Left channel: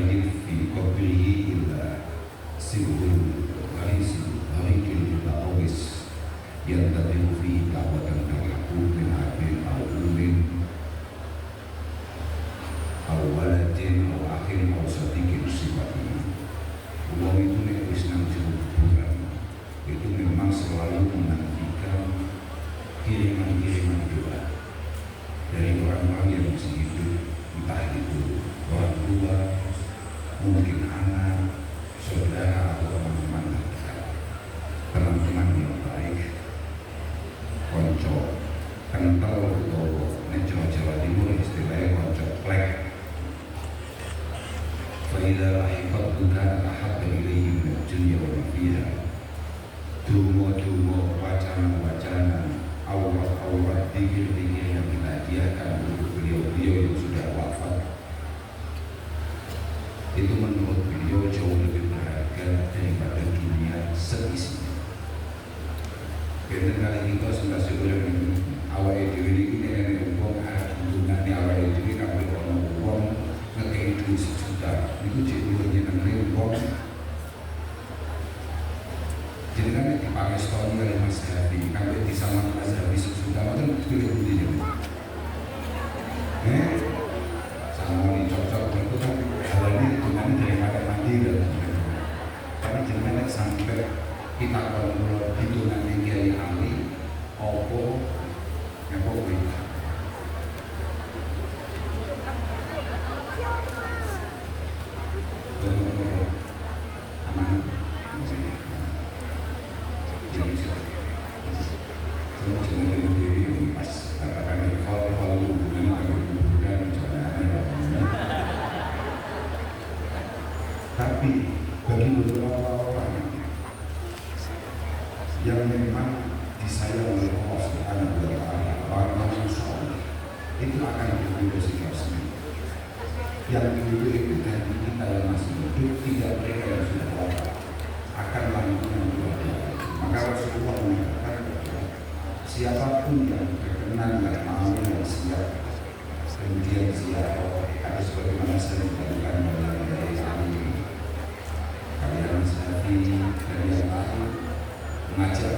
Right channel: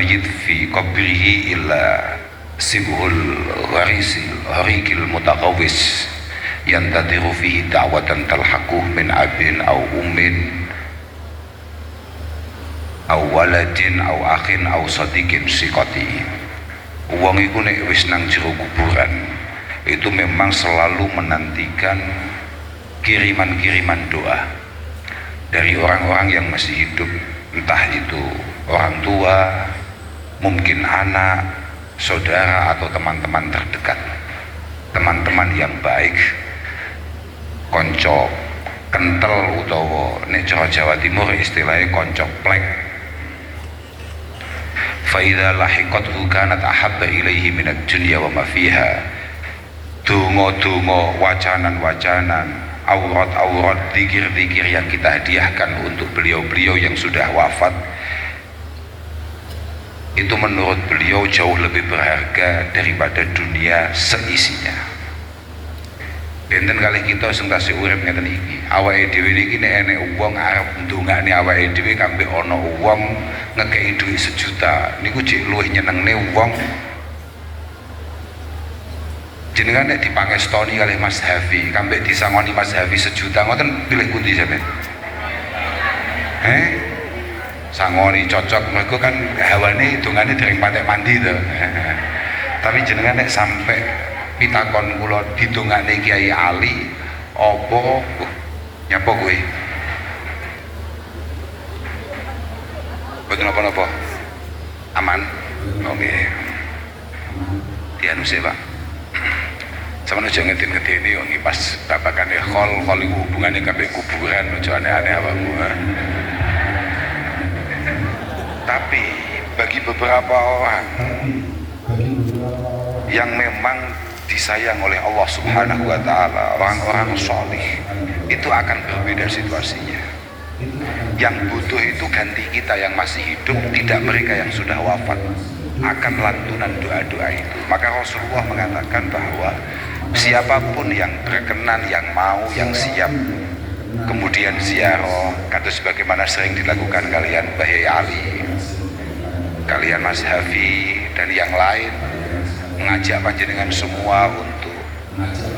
mayyit fi qabrihi illa sibhul gharikil mutaqawwis yantadiru fihi da'watan talhaquh min abin au ummin au waladin au akhin au sadiqin siqati. Wong iku nek wis nang jero kuburan itu memang selalu menantikan kiriman-kiriman doa dari orang-orang yang masih hidup, entah itu orang tua, mungkin anak, saudara atau teman-teman terdekat, teman-teman yang baik, konco kental utawa nek Jawa Timur istilahnya konco plek. Fa idza lahiqathu kanat ahabba ilaihi minad dunya wa ma fiha. Dongo-dongo, wacanan-wacanan, aurat-aurat, zikir-zikir yang kita hadiahkan untuk beliau-beliau yang sudah wafat, itu menurut beliau jauh lebih berharga daripada dunia seisinya. Benten kali kita sing tasih urip ngeten iki, awake dhewe iki nek enek wong arep ndongakne awake dhewe kambe ana wong ngekeki dhuwit 1 juta, niku jek luwih nyenengne wong jenengan nek dipangestoni kalih Mas Hafi, kambe disangoni Mas Hafi 1 juta ngoten pilih pundi sampean? Sangoni cocok mergo kan hawane hitungane dereng patek mandi to. Tapi jenengan nek sampai pitakon kula didongakne Kiai Ali apa nyapa kowe? Boten apa-apa. Aman. Oke. Dianu sih, Pak. Sama aja ngedin-ngedini yang pas babakannya khol itu hubungannya sampai kuburan, aja aneh-aneh apa gua. Tapi bagi beberapa orang yang memang disayang oleh Allah Subhanahu wa Ta'ala, orang-orang solih, itu akan berbeda situasinya. Yang butuh itu ganti kita yang masih hidup, tidak mereka yang sudah wafat, akan lantunan doa-doa itu. Maka Rasulullah mengatakan bahwa siapapun yang berkenan, yang mau, yang siap kemudian ziarah, kata sebagaimana sering dilakukan kalian Bahi Ali, kalian Mas Hafi dan yang lain, mengajak panjenengan semua untuk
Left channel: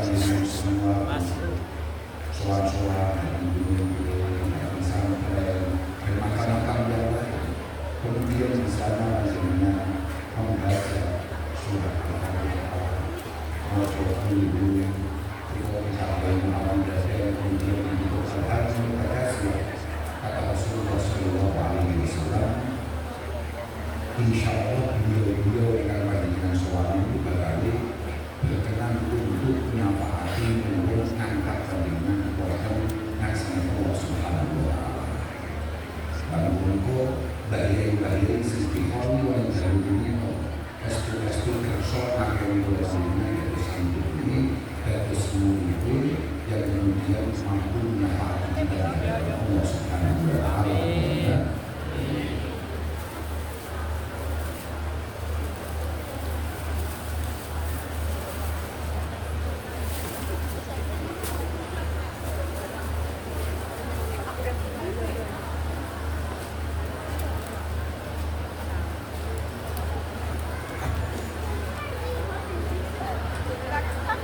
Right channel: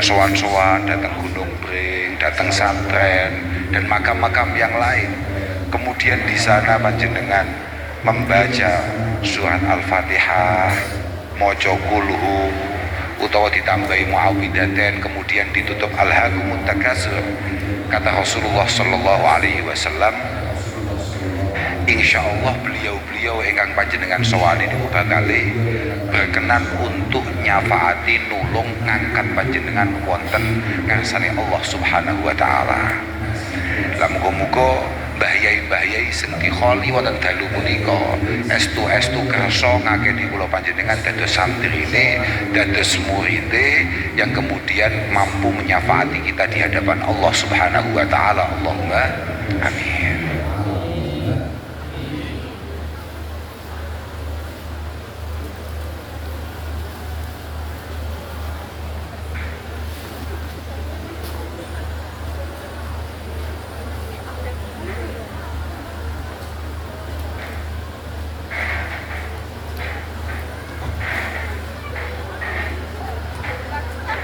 sowan-sowan datang Gunung Bring, datang Santren dan makam-makam yang lain. Kemudian di sana panjenengan membaca surat Al-Fatihah, maca kulhu utawa ditambahi muawwidzatain, kemudian ditutup alhaakumut takatsur. Kata Rasulullah sallallahu alaihi wasallam, insyaallah beliau-beliau ingkang panjenengan sowani niku bakal berkenan untuk nyafaati nulung ngangkat panjenengan wonten ngarsane Allah Subhanahu wa taala. Lah muga-muga bahayai sing dikholi wonten dalu punika estu kersa ngakeni kula panjenengan dados santrine, dados muride yang kemudian mampu menyafaati kita di hadapan Allah Subhanahu wa taala. Allahumma amin.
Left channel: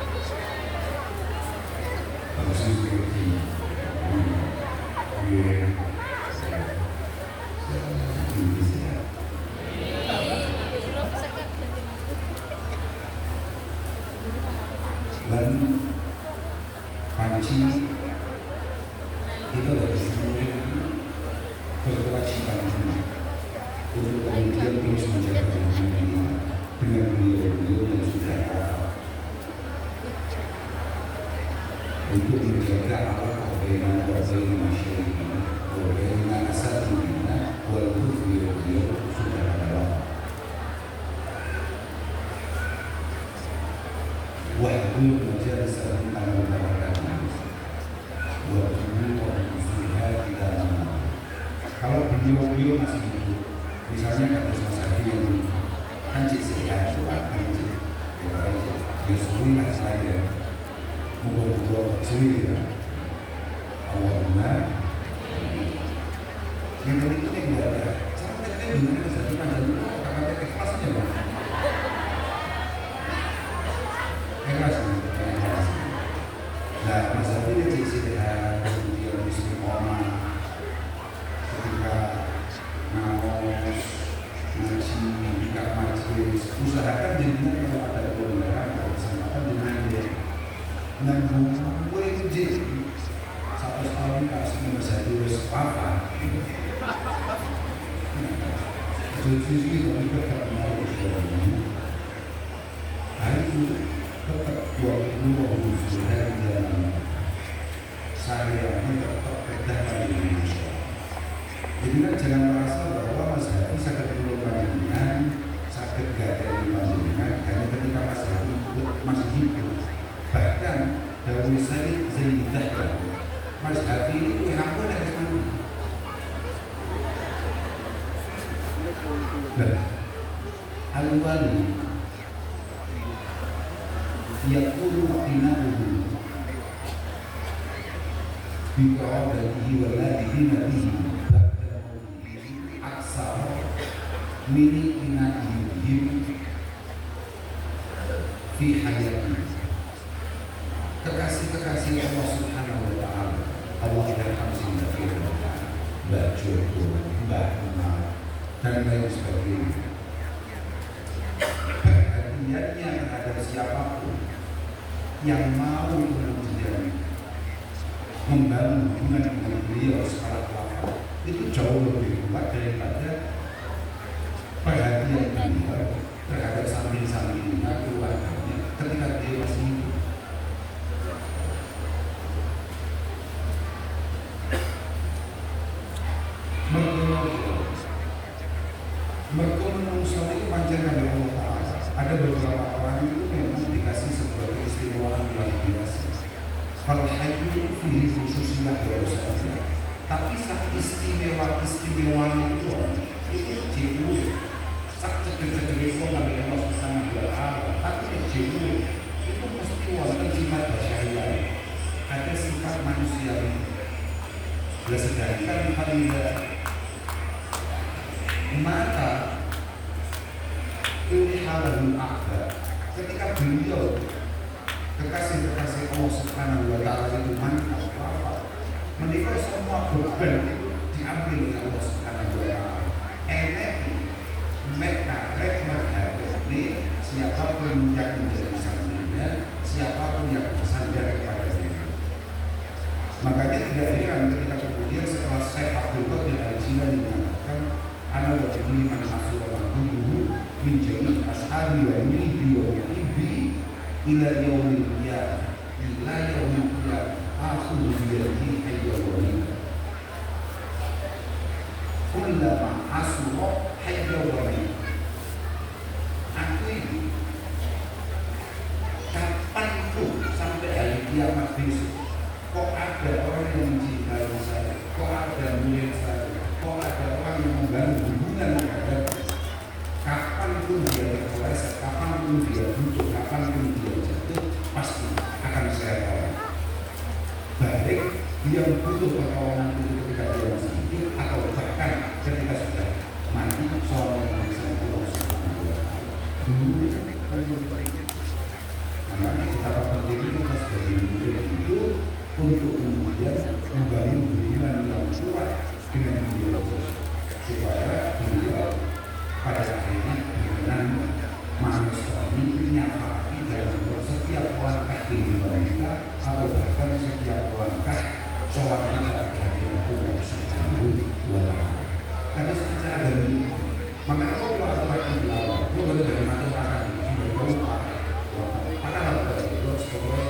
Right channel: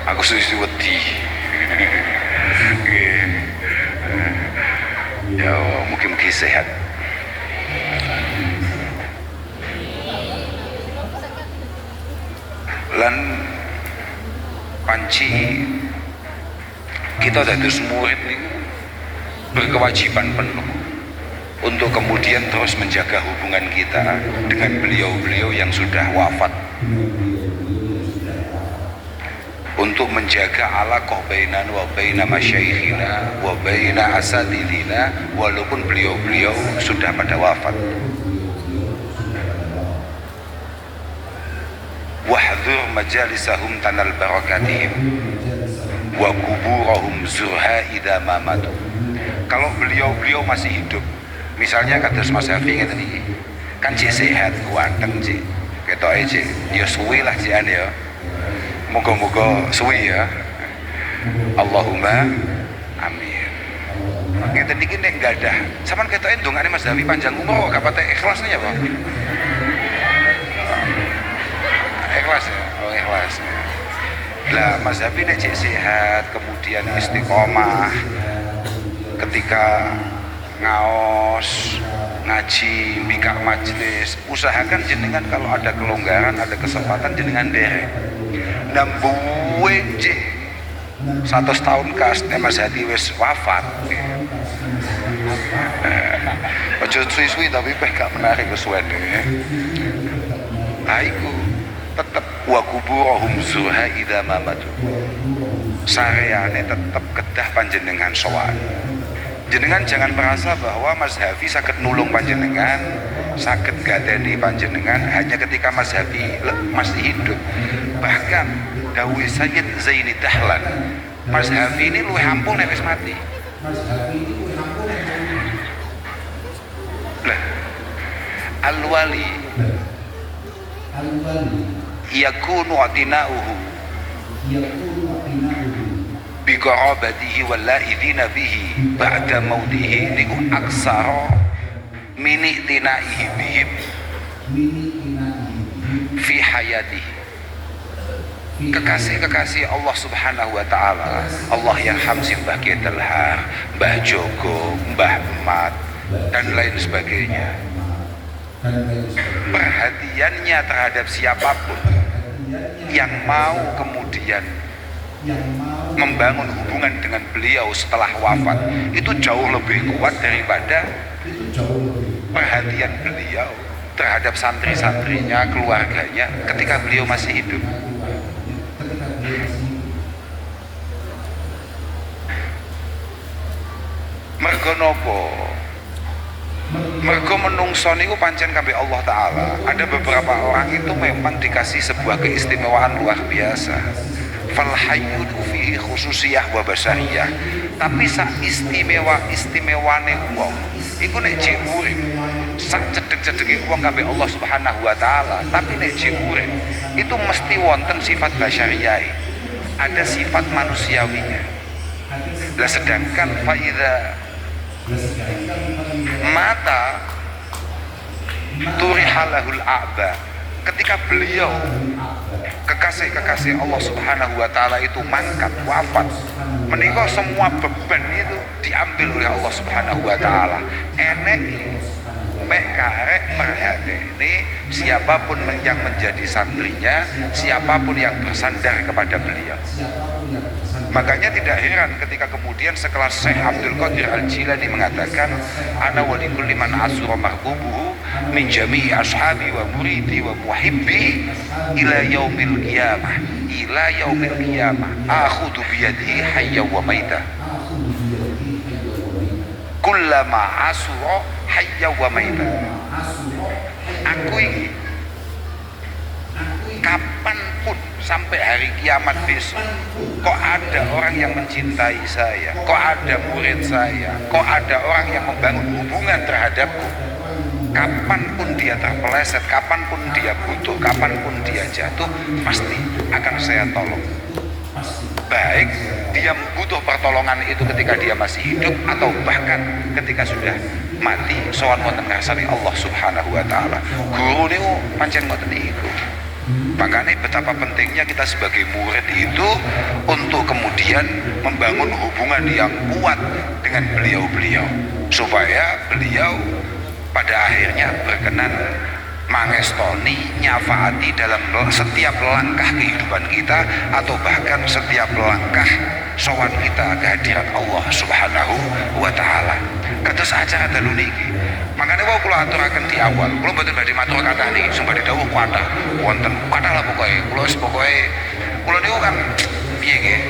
Aku susu wedi. Ya, mungkin sehat. Lan panci kita dados murid niku berkewajiban penuh untuk kemudian terus menjaga hubungan kita dengan beliau-beliau yang sudah wafat, untuk menjaga alaqah bainana wa baina masyayikhina wa baina asatidina walaupun beliau-beliau sudah pada wafat. Wahdhur majalisahum tanal barakatihim wa kuburahum zurha idza ma matu. Kalau beliau-beliau masih hidup, misalnya kados Mas Hafi ngeten iki, kan cek sehat, kuanteng cek, ketoke cek, ya suwe lah jekane ya. Moga-moga suwi ya. Allahumma amin. Ngeten iki nek gadah, sampean ketoke ndongane Mas Hafi panjang umur kok gak patek ikhlasnya ya, Pak. Mas Hafi nek cek sehat, kemudian istiqomah ketika ngaos, ngaji, mikak majelis, usahakan jenengan kalau ada kelonggaran, ada kesempatan jenengan derek. Nambuwe cek 100 tahun kas Mas Hadi wis wafat. Ojo suwi-suwi tapi peh gak menarik kesuwen. Aiku tetep wa kuburohum zuha idza mamatu. Sareane tetep kedah panjenengan sowan. Jenengan jangan merasa bahwa Mas Hafi sakit nulung panjenengan, sakit gadeni panjenengan hanya ketika Mas Hafi masih hidup. Bahkan dawuh Sayyid Zaini Dahlan, Mas Hafi ini luwih ampun nek wis mati. Al-wali yakunu atina'uhu biqarabatihi walla'idhina bihi ba'da mautihi niku aksara min itinaihi bihim fi hayatihi. Kekasih-kekasih Allah Subhanahu wa Ta'ala, Allah yarham Mbah Kiai Telhar, Mbah Jogo, Mbah Mat dan lain sebagainya, perhatiannya terhadap siapapun yang mau kemudian membangun hubungan dengan beliau setelah wafat itu jauh lebih kuat daripada perhatian beliau terhadap santri-santrinya, keluarganya ketika beliau masih hidup. Mergo nopo? Mergo menungso niku pancen kabeh Allah Ta'ala. Ada beberapa orang itu memang dikasih sebuah keistimewaan luar biasa. Fal hayyun fi khususiyah wa basariyah. Tapi sak istimewane wong iku nek jek urip sak cedhek-cedheke wong kabeh Allah Subhanahu wa Ta'ala. Tapi nek jek urip itu mesti wonten sifat basyariyah. Ada sifat manusiawinya. Lah sedangkan faida mata turihalahul a'ba, ketika beliau kekasih-kekasih Allah Subhanahu wa Ta'ala itu mangkat wafat, menika semua beban itu diambil oleh Allah Subhanahu wa Ta'ala. Enek mek karek merhateni siapapun yang menjadi santrinya, siapapun yang bersandar kepada beliau. Makanya tidak heran ketika kemudian sekelas Syekh Abdul Qadir Al-Jilani mengatakan ana wa likulli man asra mahbubuhu min jami'i ashabi wa muridi wa muhibbi ila yaumil qiyamah akhudhu biyadihi hayya wa maita kullama asra hayya wa maita. Aku ini kapanpun sampai hari kiamat besok kok ada orang yang mencintai saya, kok ada murid saya, kok ada orang yang membangun hubungan terhadapku, kapanpun dia terpeleset, kapanpun dia butuh, kapanpun dia jatuh, pasti akan saya tolong. Baik dia butuh pertolongan itu ketika dia masih hidup atau bahkan ketika sudah mati sowan wonten ngarsane Allah Subhanahu wa Ta'ala. Guru niku pancen ngoten niku. Makanya betapa pentingnya kita sebagai murid itu untuk kemudian membangun hubungan yang kuat dengan beliau-beliau supaya beliau pada akhirnya berkenan mangestoni, nyafaati dalam setiap langkah kehidupan kita atau bahkan setiap langkah sowan kita kehadirat Allah Subhanahu wa Ta'ala. Kados acara dalu niki. Makanya kalau kula aturaken di awal, kula mboten badhe matur kathah niki, sing badhe dawuh kathah wonten kathah lah pokoke. Kula niku kan piye nggih?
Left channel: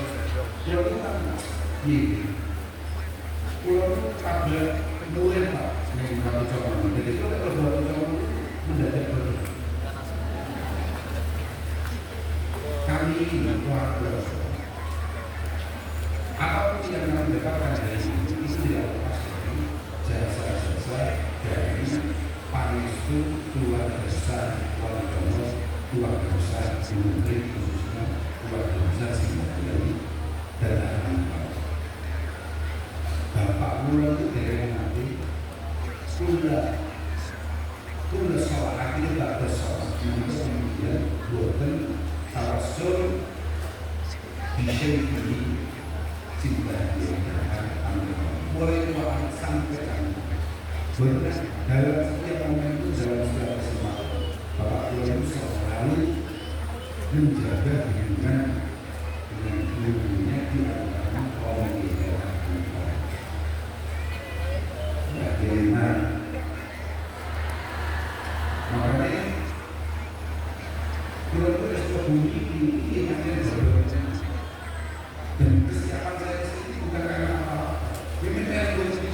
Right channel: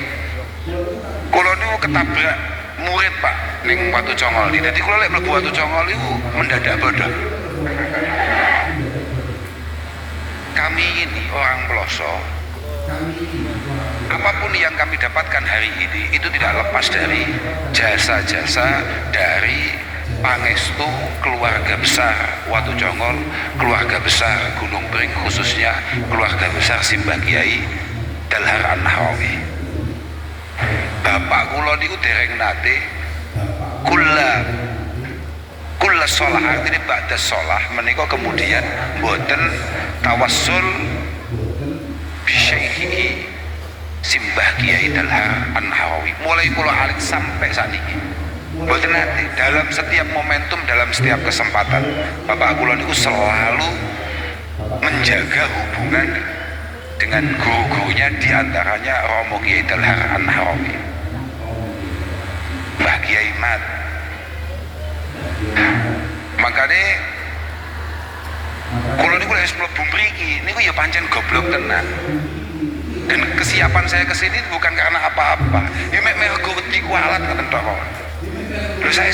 Kula niku ketabrak murid Pak ning Watu Congol. Dadi kula lek mlebu Watu Congol niku mendadak bodoh. Kami ini orang pelosok, apapun yang kami dapatkan hari ini itu tidak lepas dari jasa-jasa dari pangestu keluarga besar Watu Congol, keluarga besar Gunung Pring, khususnya keluarga besar Simbah Kiai Telhar An-Nahrawi. Bapak kula niku dereng nate kula sholah, artinya ba'da sholah menika kemudian mboten tawassul bisyaihi simbah Kiai Dalhar An-Nawawi mulai kula alit sampai saat ini. Mboten nate dalam setiap momentum, dalam setiap kesempatan bapak kula niku selalu menjaga hubungan dengan guru-gurunya, diantaranya Romo Kiai Dalhar An-Nawawi, Mbah Kiai Mat. Makanya kula niku wis mlebu mriki niku ya pancen goblok tenan. Dan kesiapan saya kesini bukan karena apa-apa. Ya mek mergo wedi kualat ngoten tok. Lho saya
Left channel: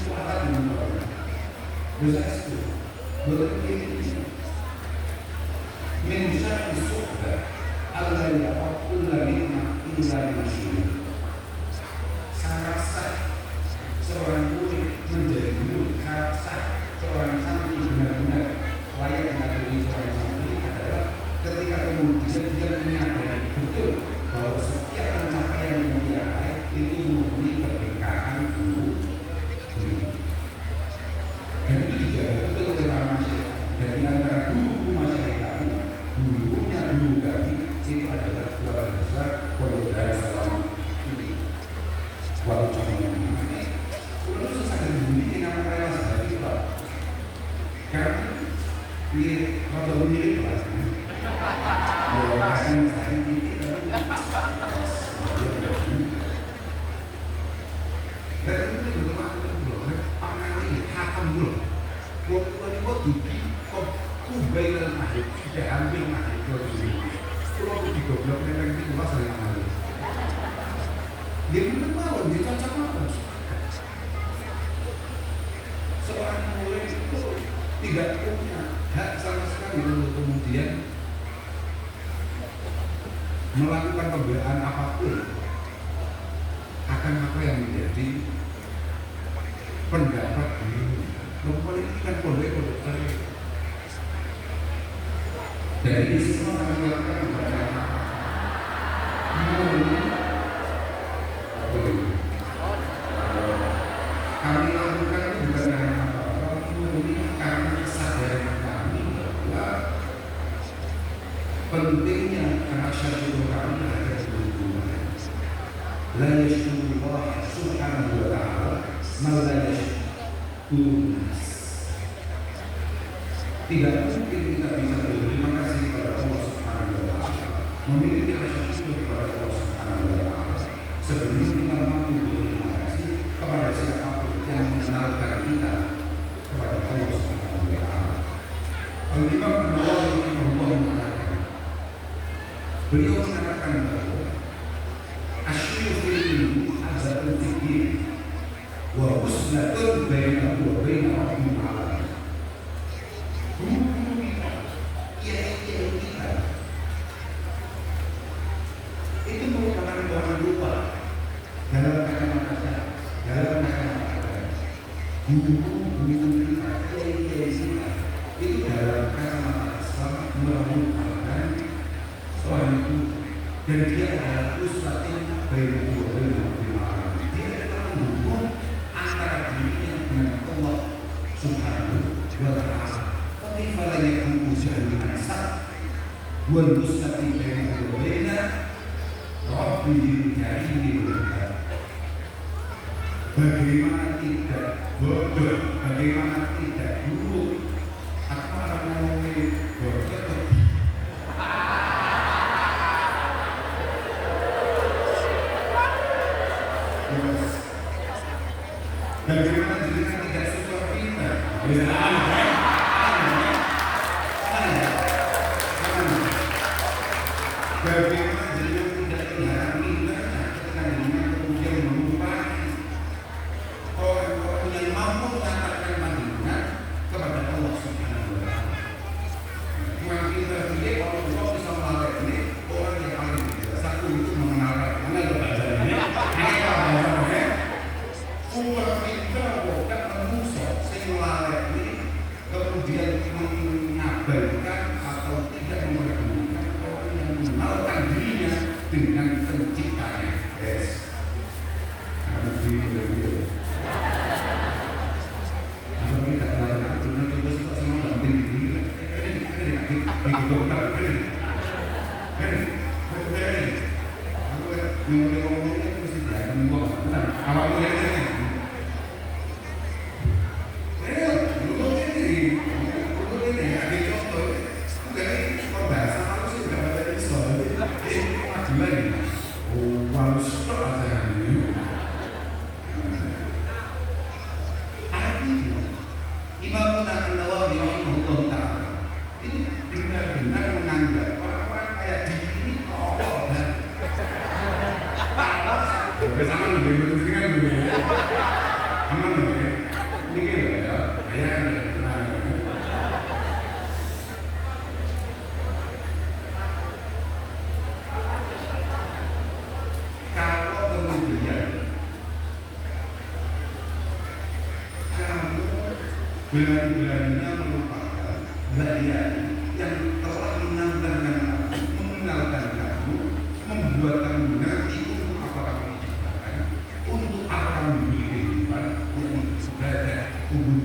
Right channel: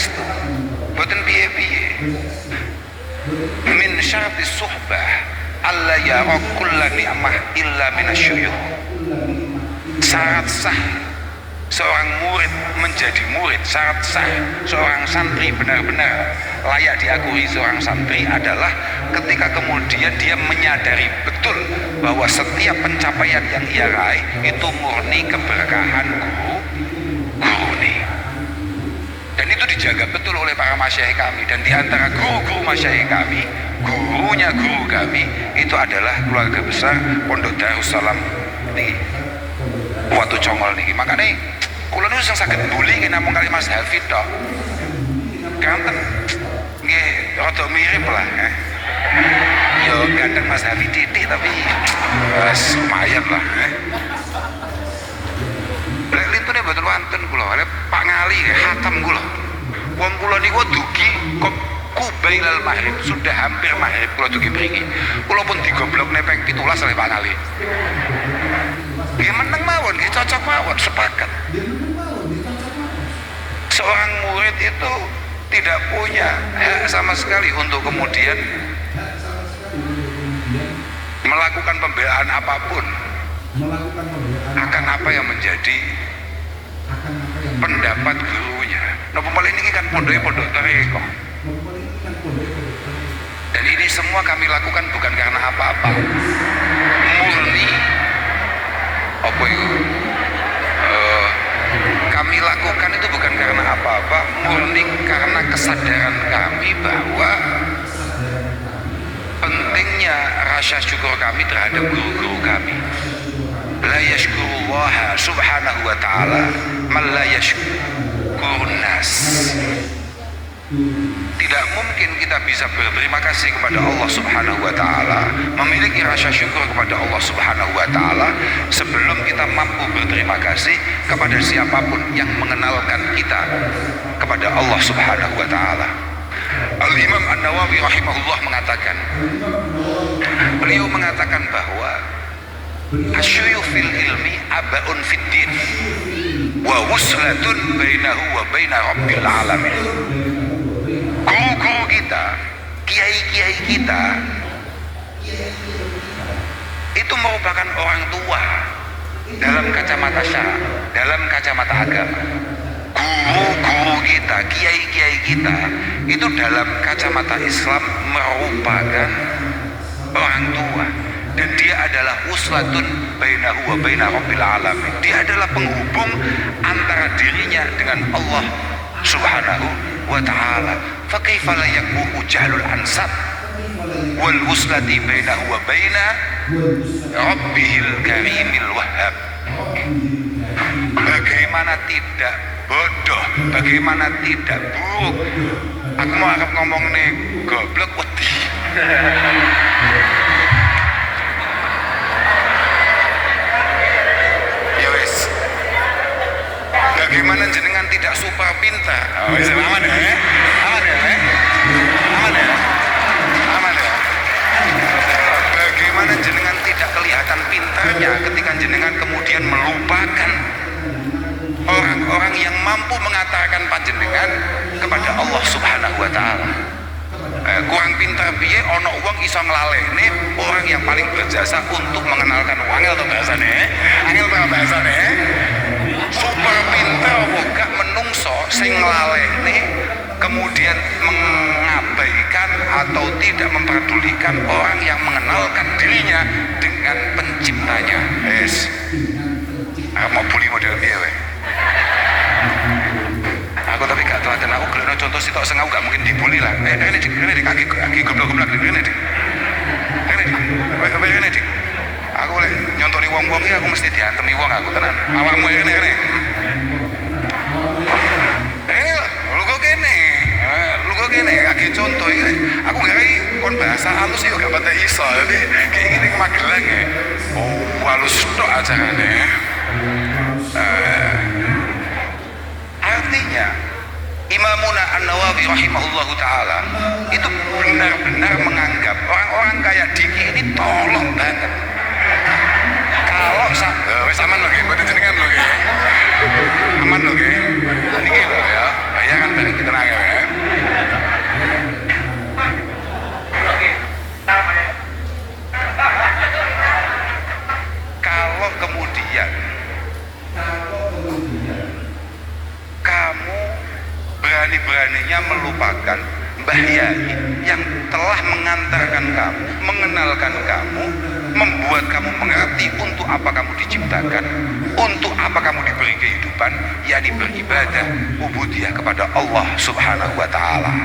mboten piye-piye. Min syaratis suhbah alla yara kulla ni'mah illa minasyuyukh. Syarat sah seorang murid menjadi murid, syarat sah seorang santri benar-benar layak diakui seorang santri adalah ketika kemudian dia menyadari betul bahwa setiap pencapaian yang ia raih itu murni keberkahan guru nih. Dan itu dijaga betul oleh para masyayikh kami, dan diantara guru-guru masyayikh kami, gurunya guru kami itu adalah keluarga besar Pondok Darussalam nih. Waktu congol nih, makanya kula niku sing saged mbuli namung kali Mas Hafid tok. Kanten nggih rada mirip lah. Yo ganteng Mas Hafid titik tapi wis lumayan lah. Lek lintune mboten wonten kula, lek Pak Ngali hatam kula. Wong kula niku dugi kok kubailal maghrib, sudah hampir maghrib kula dugi mriki. Kula pun digoblokne ping 17 oleh Pak Ngali. Dia menang mawon, dia cocok mawon, sepakat. Seorang murid itu tidak punya hak sama sekali untuk kemudian melakukan pembelaan apapun akan apa yang menjadi pendapat gurunya. Nah, pembelaan ini kan pondok toreko. Dan ini semua kami lakukan bukan karena apa-apa, murni apa itu kami lakukan itu bukan karena apa-apa, murni karena kesadaran kami bahwa pentingnya rasa syukur kami terhadap guru-guru kami. La yashkurullaha subhanahu wa ta'ala man la yashkurun nas. Tidak mungkin kita bisa berterima kasih kepada Allah Subhanahu wa ta'ala, memiliki rasa syukur kepada Allah Subhanahu wa ta'ala sebelum kita mampu berterima kasih kepada siapapun yang mengenalkan kita kepada Allah Subhanahu wa ta'ala. Al-Imam An-Nawawi rahimahullah mengatakan, beliau mengatakan bahwa asyuyukh fil ilmi abaun fid din wa wuslatun bainahu wa baina rabbil alamin. Guru-guru kita, kiai-kiai kita itu merupakan orang tua dalam kacamata syara, dalam kacamata agama. Guru-guru kita, kiai-kiai kita itu dalam kacamata Islam merupakan orang tua, dan dia adalah uswatun bainahu wa baina rabbil alamin. Dia adalah penghubung antara dirinya dengan Allah Subhanahu wa ta'ala. Fa kaifa la yakunu jahlul ansab wal uslati bainahu wa baina rabbihil karimil wahhab. Bagaimana tidak bodoh, bagaimana tidak buruk. Aku mau ngomong nih goblok wedi. Bagaimana jenengan tidak super pintar? Oh, bisa aman ya? Aman ya? Aman ya? Aman ya? Bagaimana jenengan tidak kelihatan pintarnya ketika jenengan kemudian melupakan orang-orang yang mampu mengantarkan panjenengan kepada Allah Subhanahu wa ta'ala. Kurang pintar piye ono wong iso nglalekne orang yang paling berjasa untuk mengenalkan angel to bahasane. Angel to bahasane. Super pintar bukan menungso sing nglalekne kemudian mengabaikan atau tidak memperdulikan orang yang mengenalkan dirinya dengan penciptanya. Yes. Mau bully model piye we? Aku tapi gak tahu, dan aku kalau contoh sih tak sengaja gak mungkin dibully lah. Ini di kaki goblok-goblok ini dik. Ini dik. Aku boleh nyontoni wong-wong iki aku mesti diantemi wong aku tenan. Awakmu ngene. Lu kok kene? Lu kok kene akeh contoh iki. Aku gawe kon bahasa halus yo gak pati iso. Kayak gini ke Magelang ya. Oh, halus tok acarane. Artinya Imamuna An-Nawawi rahimahullahu ta'ala itu benar-benar menganggap orang-orang kayak Diki ini tolong banget. Kalau aman loh ya, jenengan loh ya, aman loh ya, ini gitu ya, ya kan balik kita nanya ya. Kalau kemudian kamu berani-beraninya melupakan Mbah Yai yang telah mengantarkan kamu, mengenalkan kamu, membuat kamu mengerti untuk apa kamu diciptakan, untuk apa kamu diberi kehidupan, yakni beribadah, ubudiyah kepada Allah Subhanahu wa Ta'ala.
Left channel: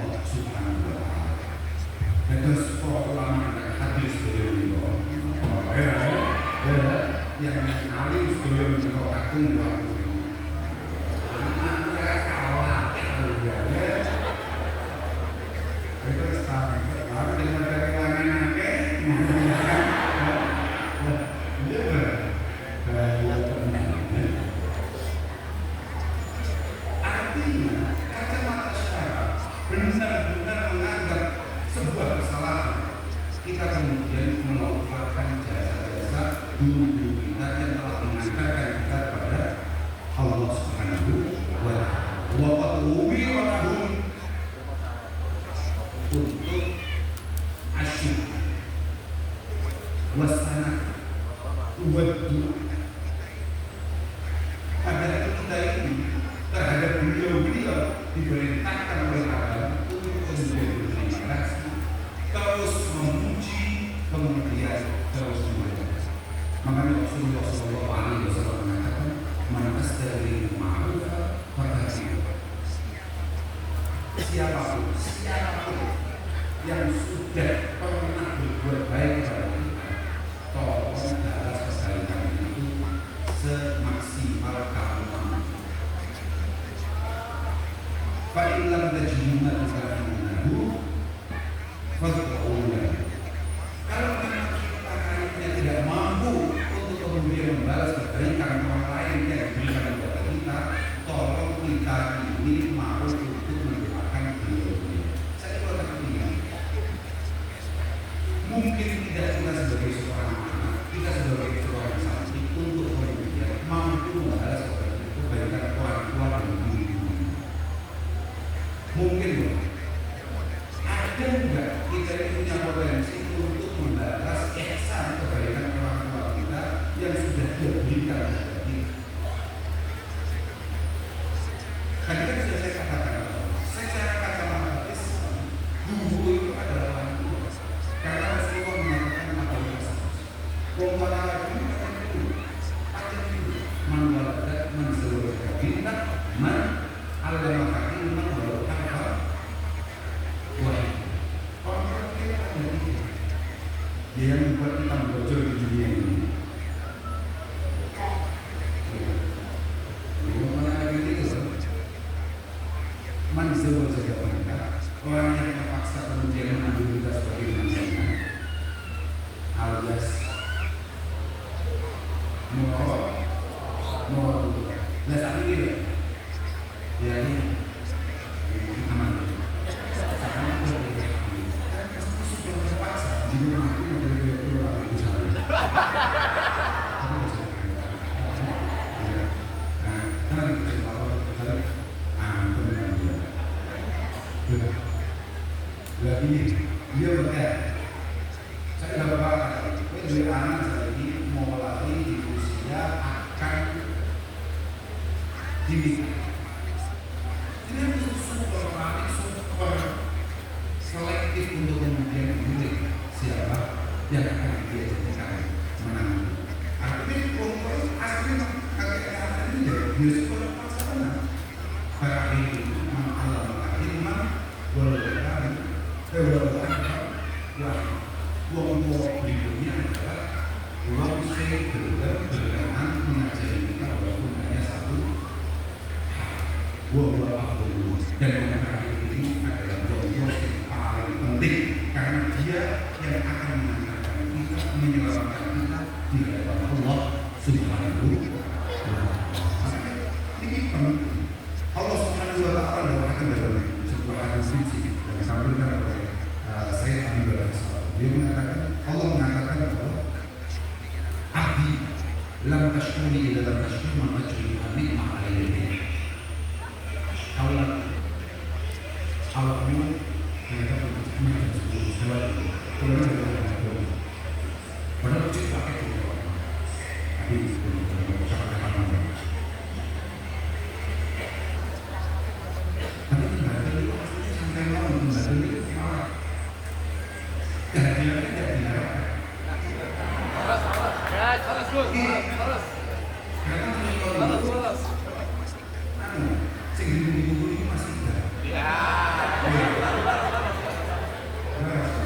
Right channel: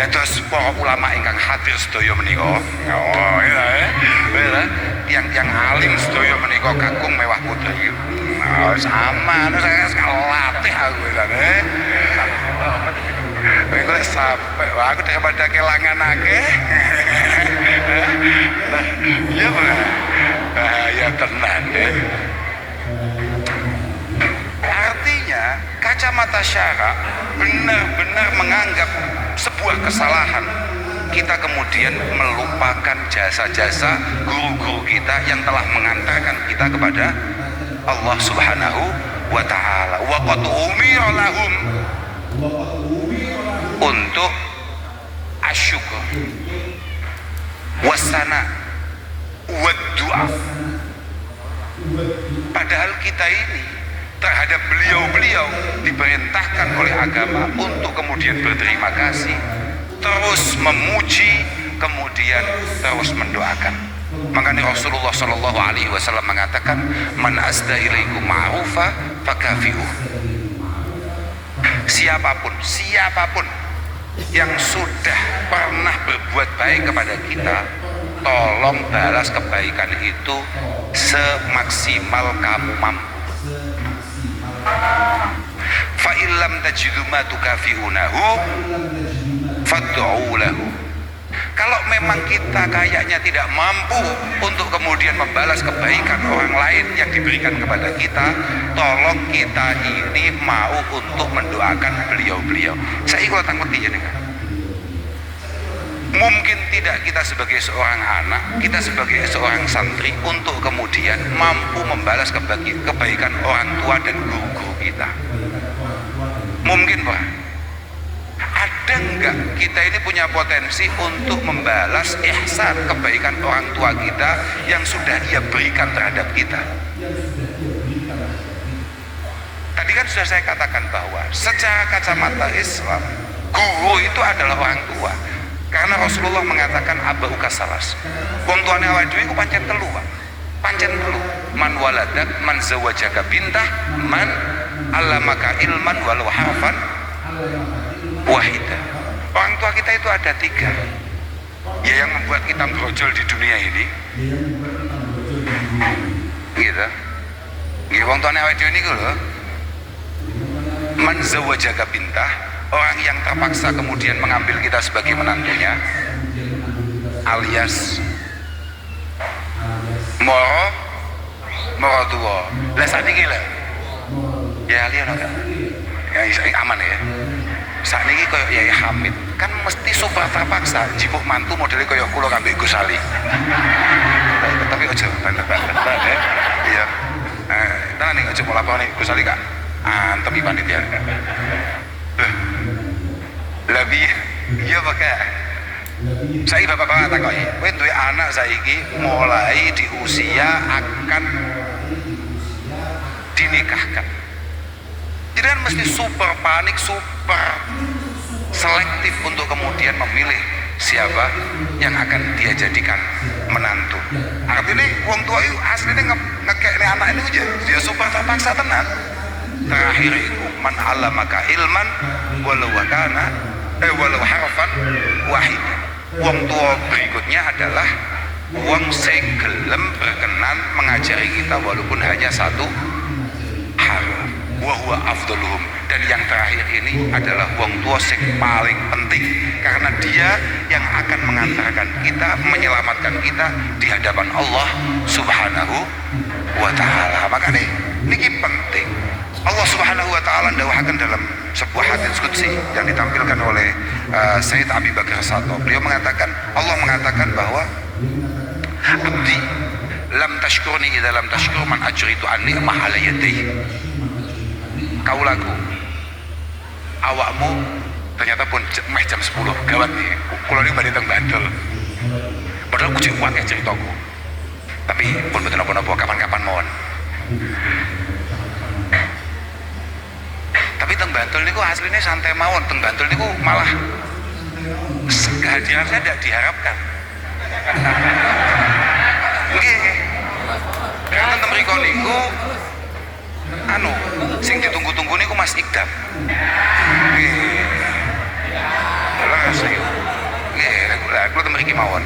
Dan terus para ulama ingkang hadir sedaya menika, oh ya, yang alim sedaya menika kakung mewah putri. Nah, sama, saya latih aku ya. Aku sampai, aku daripada kelangan akeh. Iya Pak. Ya tenang deh. Artinya kacamata syara benar-benar menganggap sebuah kesalahan kita kemudian melupakan jasa-jasa guru-guru kita yang telah mengantarkan kita kepada Allah Subhanahu wa Ta'ala. Wa qad umira lahum untuk asyukur wasana waddu'a. Padahal kita ini terhadap beliau-beliau diperintahkan oleh agama untuk kemudian berterima kasih, terus memuji, kemudian terus mendoakan. Makanya Rasulullah Shallallahu Alaihi Wasallam mengatakan, man asda ilaikum ma'rufa fakafi'uh. Siapapun yang sudah pernah berbuat baik kepada kita, tolong balas kebaikan itu semaksimal kamu mampu. Fa illam tajidu ma tukafi'unahu fad'u lahu. Kalau memang kita kayaknya tidak mampu untuk kemudian membalas kebaikan orang lain yang diberikan kepada kita, tolong kita ini mau untuk mendoakan beliau-beliau. Saya ikut ngerti ya nih. Mungkin tidak kita sebagai seorang anak, kita sebagai seorang santri untuk kemudian mampu membalas kebaikan orang tua dan guru-guru kita. Mungkin Pak. Ada enggak kita ini punya potensi untuk membalas ihsan kebaikan orang tua kita yang sudah dia berikan terhadap kita? Tadi kan sudah saya katakan bahwa secara kacamata Islam, guru itu adalah orang tua. Karena Rasulullah mengatakan abauka salas. Wong tuane awake dhewe ku pancen telu, Pak. Pancen telu. Man waladak, man zawajaka bintah, man allamaka ilman walau harfan wahidah. Orang tua kita itu ada 3. Ya, yang membuat kita brojol di dunia ini. Gitu. Nggih wong tuane awake dhewe niku lho. Man zawajaka bintah, orang yang terpaksa kemudian mengambil kita sebagai menantunya, alias moro tua. Lah sakniki lho. Ya lihat enggak? Ya aman ya. Sakniki koyo Yai Hamid kan mesti super terpaksa jipuk mantu modelnya koyo kula kambing Gus Ali. Tapi aja bener-bener ya. Iya. Nah, ning aja mau lapor nih Gus Ali Kak. Antemi panitia. Lebih iya pakai. Saya bapak-bapak takoki, kowe duwe anak saiki mulai di usia akan dinikahkan. Jadi kan mesti super panik, super selektif untuk kemudian memilih siapa yang akan dia jadikan menantu. Artinya wong tua itu aslinya ngekekne anak ini aja, dia super terpaksa tenan. Terakhir itu man allamaka ilman walau harfan wahid. Wong tua berikutnya adalah wong sing gelem berkenan mengajari kita walaupun hanya satu hal. Wa huwa afdaluhum, dan yang terakhir ini adalah wong tua sing paling penting karena dia yang akan mengantarkan kita, menyelamatkan kita di hadapan Allah Subhanahu wa taala. Makanya ini penting. Allah Subhanahu wa taala dawahkan dalam sebuah hadits qudsi yang ditampilkan oleh Sayyid Abi Bakar Sato. Beliau mengatakan, Allah mengatakan bahwa abdi lam tashkurni idza lam tashkur man ajritu anni ma ala yadayhi. Kaulaku, awakmu ternyata pun meh jam 10 gawat nih, kalau ini balik teng Bandel padahal kucing uang ya ceritaku, tapi pun betul apa-apa kapan-kapan mohon. Tapi teng Bantul niku aslinya santai mawon, teng Bantul niku malah kehadiran saya tidak diharapkan. Nggih. Karena teng mriko niku sing ditunggu-tunggu niku Mas Ikdam. Nggih. Aku teng mriki mawon.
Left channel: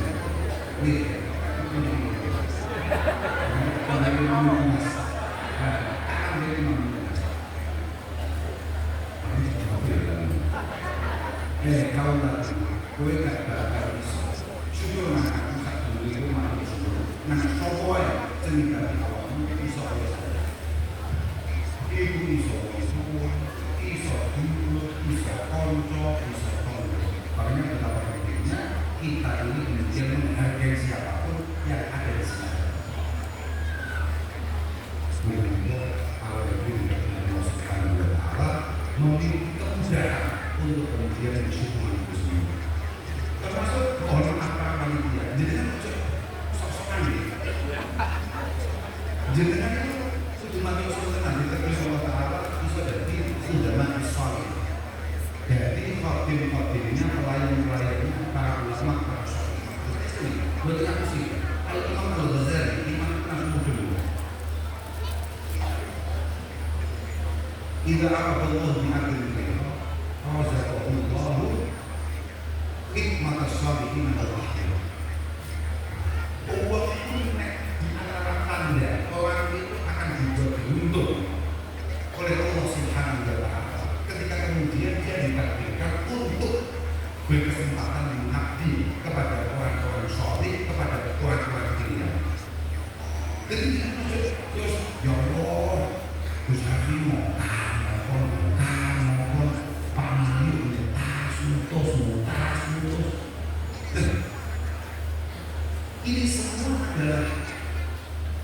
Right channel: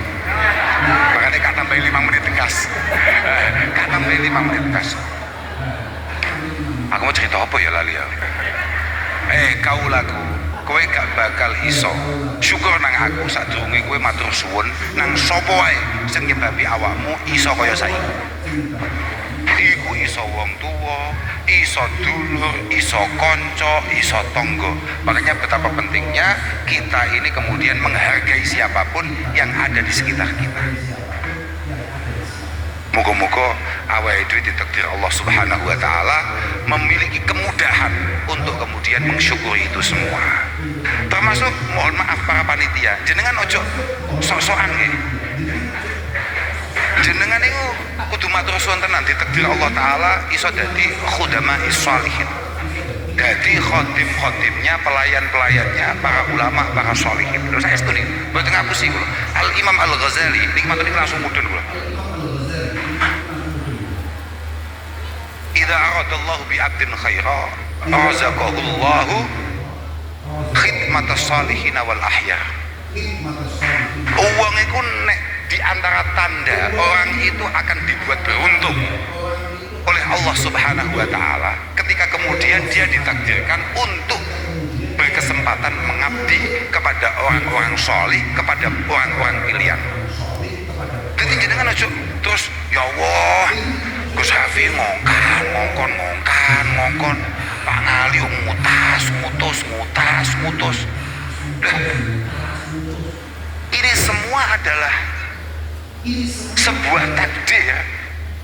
Makanya kata tambah 5 menit tegas. Kata tambah 5 menit tegas. Aku mau cerita apa ya lali ya? Kaulaku, kowe gak bakal iso syukur nang aku sadurunge kowe matur suwun nang sapa wae sing nyebabi awakmu iso kaya saiki. Iku iso wong tuwa, iso dulur, iso kanca, iso tangga. Makanya betapa pentingnya kita ini kemudian menghargai siapapun yang ada di sekitar kita. Moga-moga awake dhewe ditakdir Allah Subhanahu wa taala memiliki kemudahan untuk kemudian mensyukuri itu semua. Termasuk mohon maaf para panitia, jenengan ojo sok-sokan nggih. Jenengan niku kudu matur suwun tenan ditakdir Allah taala iso dadi khudama'is sholihin. Dadi khodim-khodimnya, pelayan-pelayannya para ulama, para sholihin. Terus saya setuni, mboten ngapusi kula. Al Imam Al Ghazali niki mantune langsung mudhun kula. Idza aradallahu bi 'abdin khaira razaqahullahu khidmatas sholihin wal ahya. Uang itu nek di antara tanda orang itu akan dibuat beruntung oleh Allah Subhanahu wa taala ketika kemudian dia ditakdirkan untuk berkesempatan mengabdi kepada orang-orang sholih, kepada orang-orang pilihan. Jadi jangan aja terus ya Allah Gus Hafi ngongkon Pak Ngali ngutus. Ini semua adalah sebuah takdir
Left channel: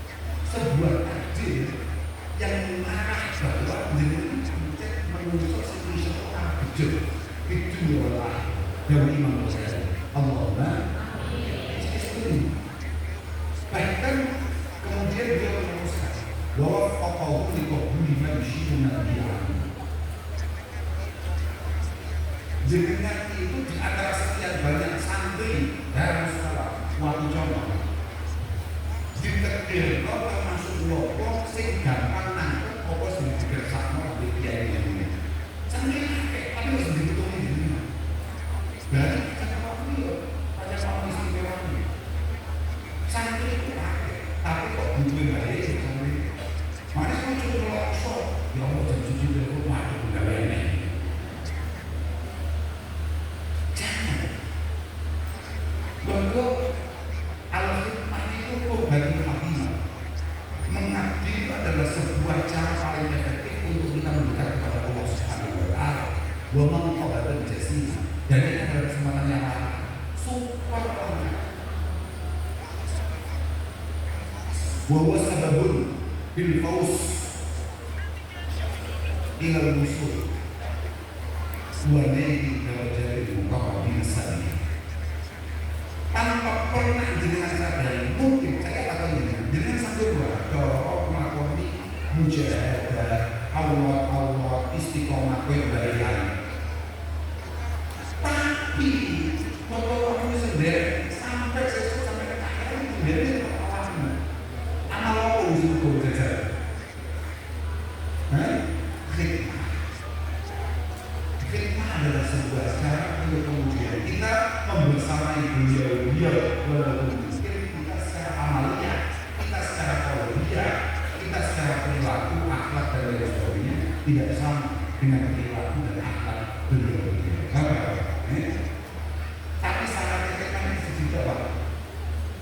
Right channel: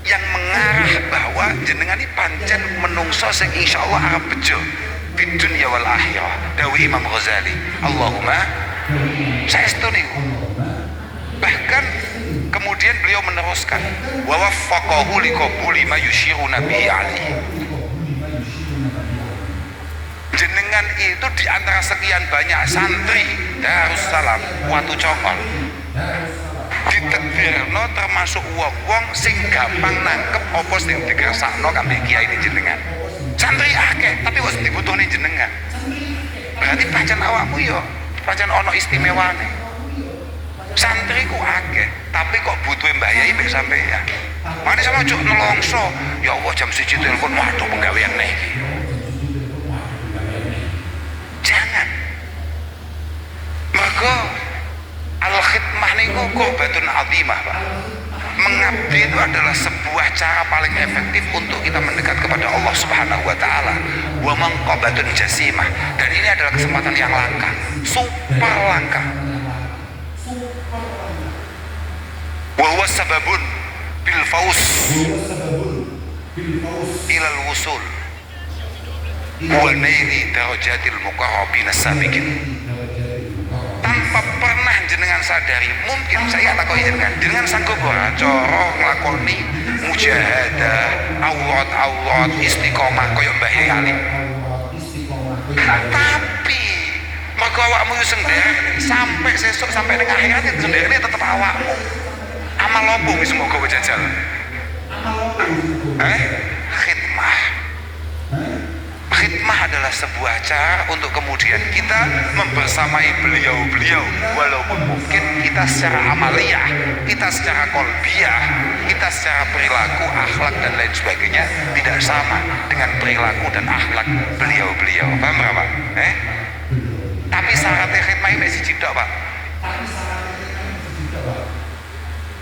yang mengarah bahwa jenengan ini pancen menungso sing insyaallah arep bejo di dunia wal akhirah. Dawi Imam Ghazali, Allahumma saestu niku. Bahkan kemudian beliau meneruskan wa waffaqahu liqabuli ma yushiruna bihi ali. Jenengan itu di antara sekian banyak santri Darussalam Watu Cokon ditakdirno termasuk wong sing gampang nangkep apa sing digrasakno kambing kiai ini jenengan. Santri akeh tapi wis dibutuhne jenengan. Berarti pancen awakmu yo pancen ana istimewane. Santri ku akeh tapi kok butuhe Mbah Yai mek sampean. Mane sama cuk nelongso. Ya Allah jam 1 telepon waduh penggawean nih. Jangan. Maka al-khidmah niku qurbatun azimah, Pak. Mengabdi itu adalah sebuah cara paling efektif untuk kita mendekat kepada Allah Subhanahu wa taala. Wa manqabatun jasimah. Dan ini adalah kesempatan yang langka, super langka. Wa huwa sababun bil faus ilal wusul wa naili darajatil muqarrabin as-sabiqin. Tanpa pernah jenengan sadari, mungkin saya tak kok jenengan sanggup ora cara nglakoni mujahadah, aurat istiqomah kaya Mbah Yai Ali. Tapi maka awakmu yo sendiri sampai sesuk sampai ning akhirat sendiri tetep awakmu. Amal opo wis mbok gawe jajal? Khidmah. Khidmah adalah adalah sebuah cara untuk kemudian kita membersamai beliau-beliau, walaupun mungkin kita secara amaliyah, kita secara kolbiyah, kita secara perilaku, akhlak dan lain sebagainya tidak sama dengan perilaku dan akhlak beliau-beliau. Paham Pak? Tapi syaratnya khidmah ini siji tok Pak.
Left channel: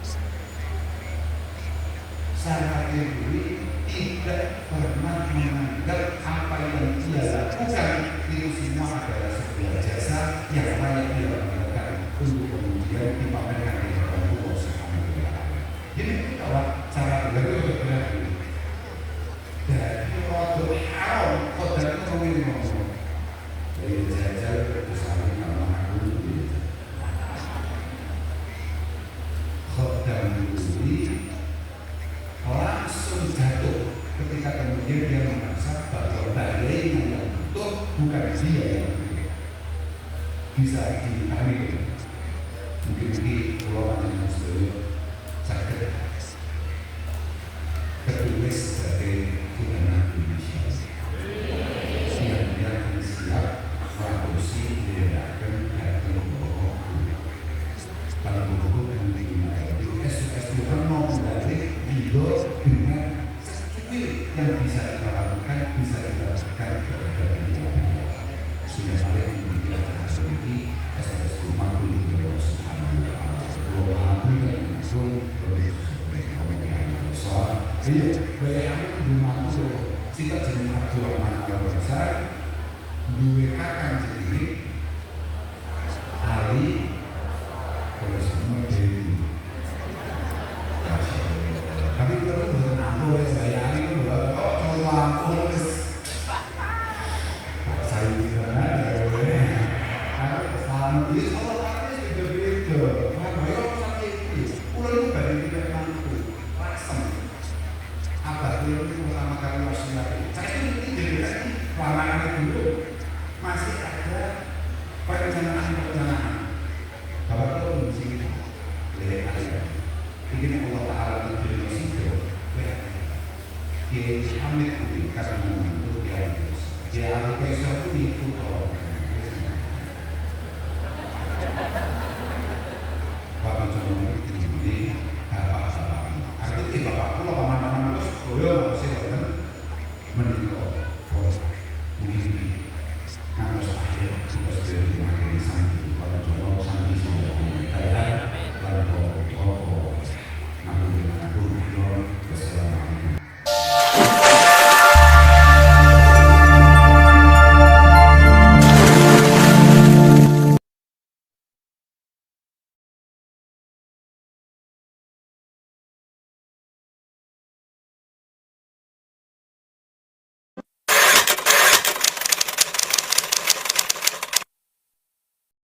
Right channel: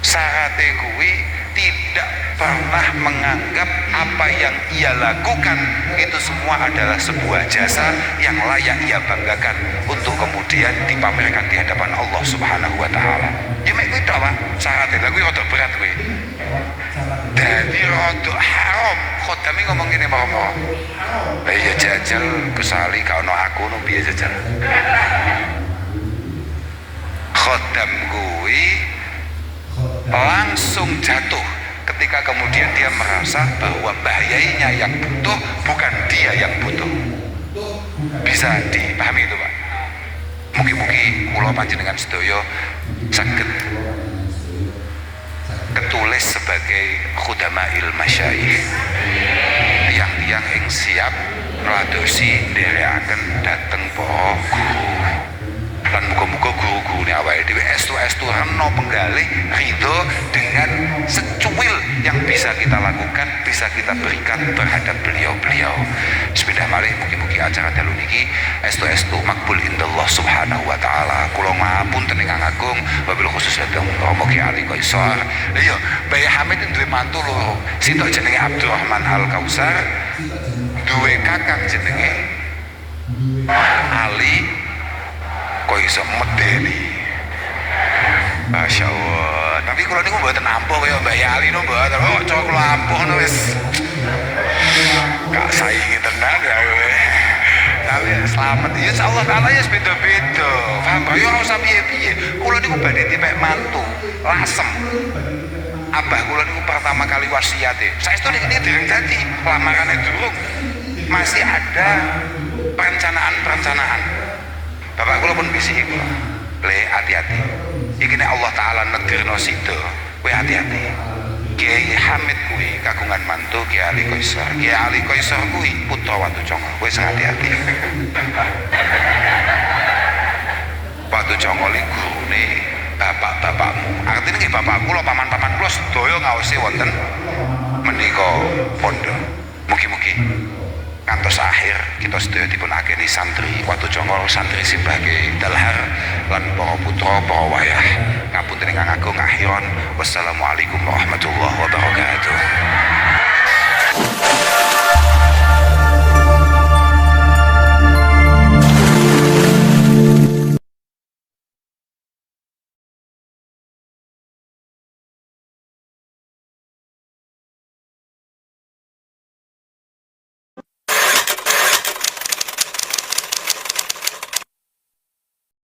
Syaratnya kuwi tidak pernah menganggap apa yang ia lakukan itu semua adalah sebuah jasa yang layak ia banggakan untuk kemudian dipamerkan di hadapan Allah Subhanahu wa taala. Ya mek kuwi tok Pak, syaratnya lha kuwi rada berat kuwi. Dadi rada haram. Khodami ngomong ngene Pak. Ya jajal kesali gak ono aku no piye jajal. Khodam kuwi langsung jatuh ketika kemudian dia merasa bahwa bahayanya yang butuh bukan dia yang butuh. Bisa dipahami itu Pak? Mugi-mugi kula panjenengan sedaya saged ketulis sebagai khudama'il masyayikh, yang siap ngladosi nderekaken dhateng para guru. Lan muga-muga guru-gurune awake dhewe estu reno penggalih ridho dengan secuil yang bisa kita lakukan, bisa kita berikan terhadap beliau-beliau. Bismillahirrahmanirrahim. Mugi-mugi acara dalu niki estu makbul indallah Subhanahu wa taala. Kula ngapunten ingkang agung wabil khusus dhateng Romo Ki Ali Qaisar. Iya, Bayi Hamid duwe mantu loro. Sitok jenenge Abdurrahman Al Kausar, duwe kakang jenenge Ali kok iso medeni. Masya Allah. Tapi kalau ini mboten ampuh kaya Mbak Yali no mboten. Oh, cok kula ampuh no wis. Gak saingi tenan ya. Tapi selamat ya insyaallah taala ya beda-beda. Paham ya ora usah piye-piye. Kula niku badhe dipek mantu lasem. Abah kula niku pertama kali wasiate. Saestu niki dereng dadi lamarane durung. Masih ada perencanaan. Bapak kula pun bisiki kula. Le hati-hati. Iki nek Allah taala negirno sida, kowe hati-hati. Kiai Hamid kuwi kagungan mantu Kiai Ali Qaisar. Kiai Ali Qaisar kuwi putra Watu Congo. Wis hati-hati. Watu Congo li gurune bapak-bapakmu. Artine nggih bapak kula, paman-paman kula sedaya ngaosi wonten menika pondok. Mugi-mugi kantos akhir kita sedaya dipun akeni santri Watu Congo, santri Simbage Dalhar lan para putra para wayah. Ngapunten ingkang agung akhiron. Wassalamualaikum warahmatullahi wabarakatuh.